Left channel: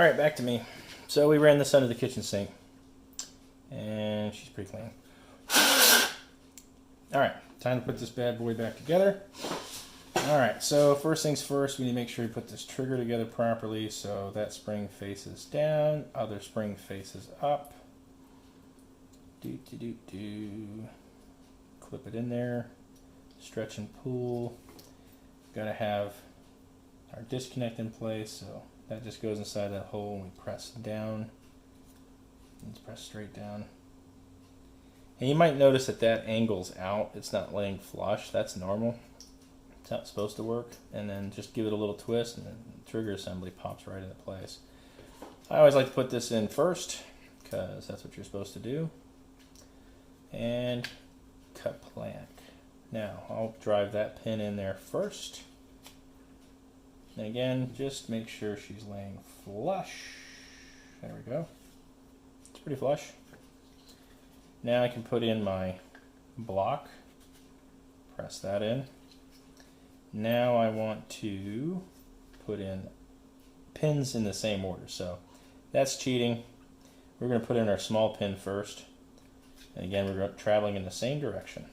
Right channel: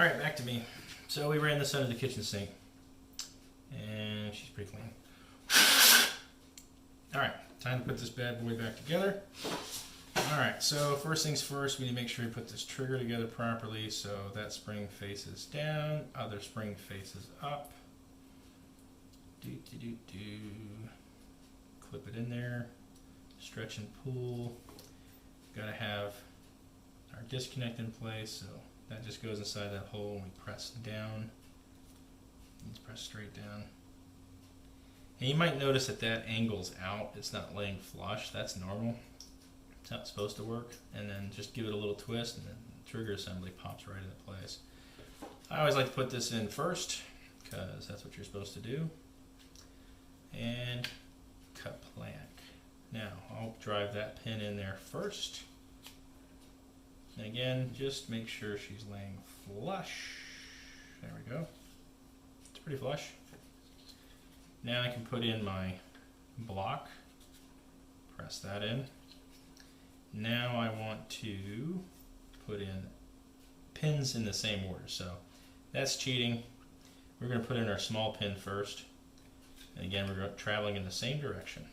All right, back to me. So we ran this under the kitchen sink, and she's pretty clean. All right, time to put this bad boy back together. All right, so first things first, we need to make sure we put this trigger together properly. So that spring faces down, other spring faces up. Clip it in there, stretch and pull. Gotta have our disconnect in place, so that just goes inside that hole and we press down. Let's press straight down. And you might notice that that angle's out. It's not laying flush. That's normal. It's how it's supposed to work. And then just give it a little twist and the trigger assembly pops right into place. I always like to put this in first because that's what you're supposed to do. And cut plank. Now I'll drive that pin in there first. And again, just make sure she's laying flush. There we go. It's pretty flush. Now I can put in my block. Press that in. Now I want to put in pins in the same order. So that's cheating. We're going to put in our small pin first. And again, we're traveling in the same direction.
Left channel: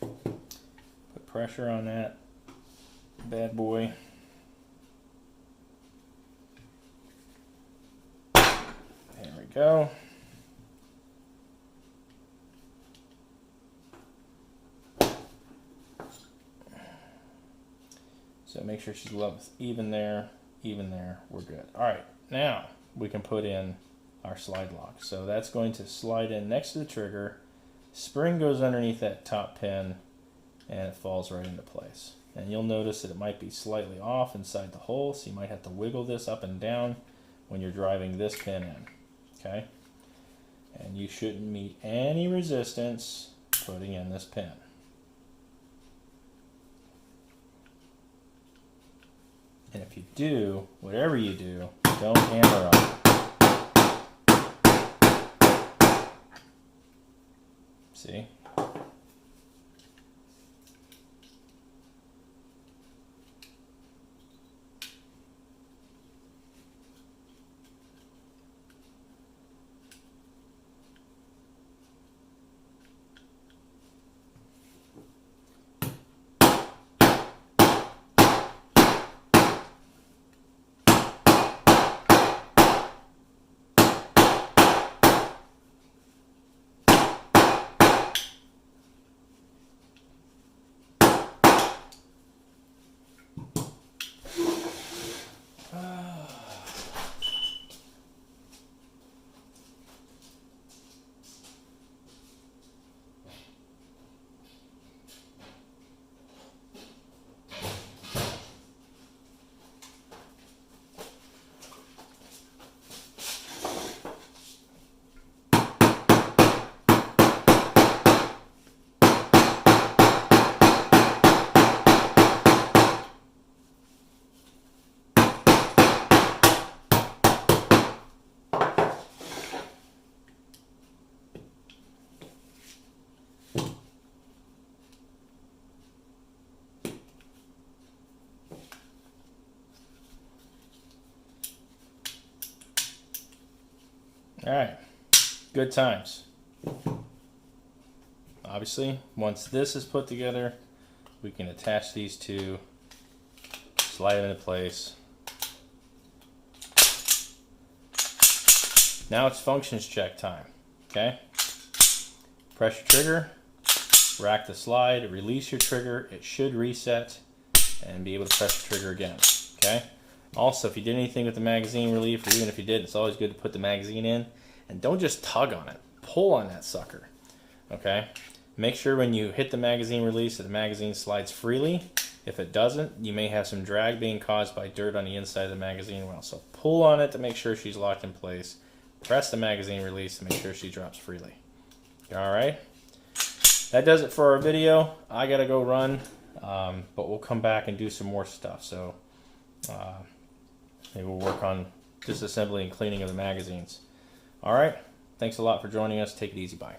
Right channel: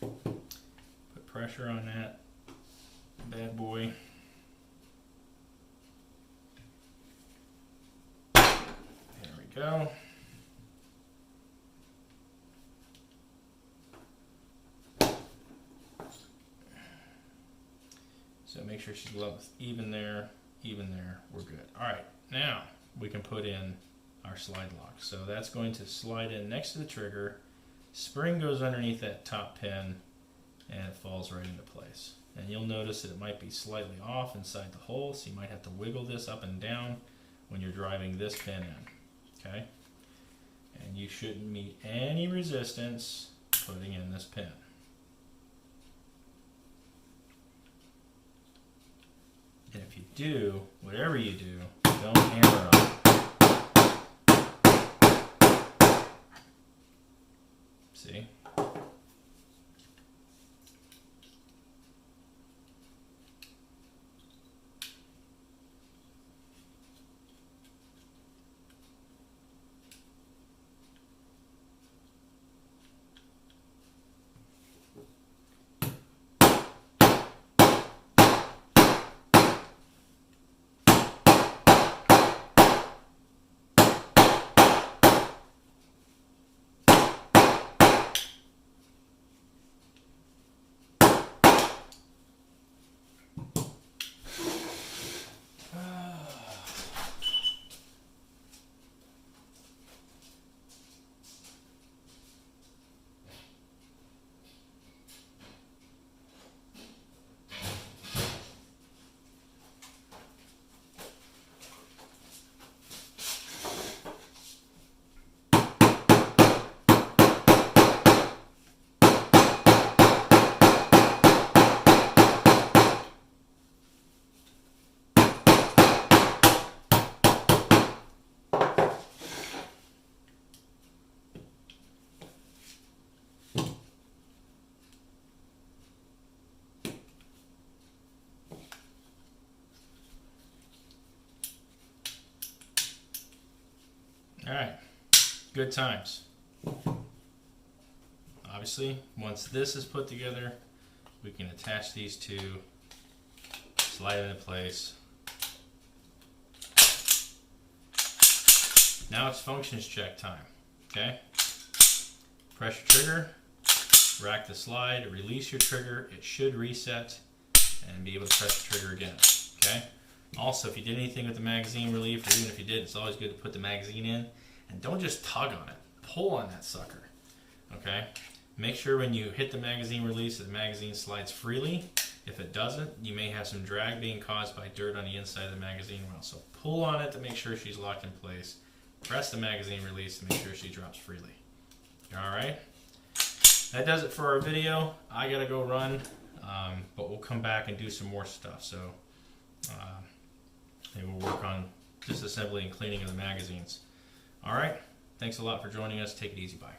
Put pressure on that bad boy. There we go. So make sure she's even there, we're good. All right, now we can put in our slide lock. So that's going to slide in next to the trigger. Spring goes underneath that top pin and it falls right into place. And you'll notice that it might be slightly off inside the hole, so you might have to wiggle this up and down when you're driving this pin in, okay? And you shouldn't meet any resistance putting in this pin. And if you do, whatever you do, don't hammer on it. See? All right, good times. Obviously, once this is put together, we can attach these two, slide them into place. Now it's functions check time, okay? Press your trigger, rack the slide, release your trigger, it should reset and be able to press the trigger again, okay? Also, if you did anything with the magazine relief, or even if you did, it's always good to put the magazine in. And don't just tug on it. Pull on that sucker, okay? Make sure when you hit the magazine release that the magazine slides freely. If it doesn't, you may have some drag being caused by dirt on the inside of the magazine well. So pull on it to make sure she's locked in place. Press the magazine release to make sure she drops freely. All right? That does it for our video. I gotta go run, but we'll come back and do some more stuff. So maybe we'll work on disassembly and cleaning of the magazines. All right. Thanks a lot for joining us. Take it easy. Bye.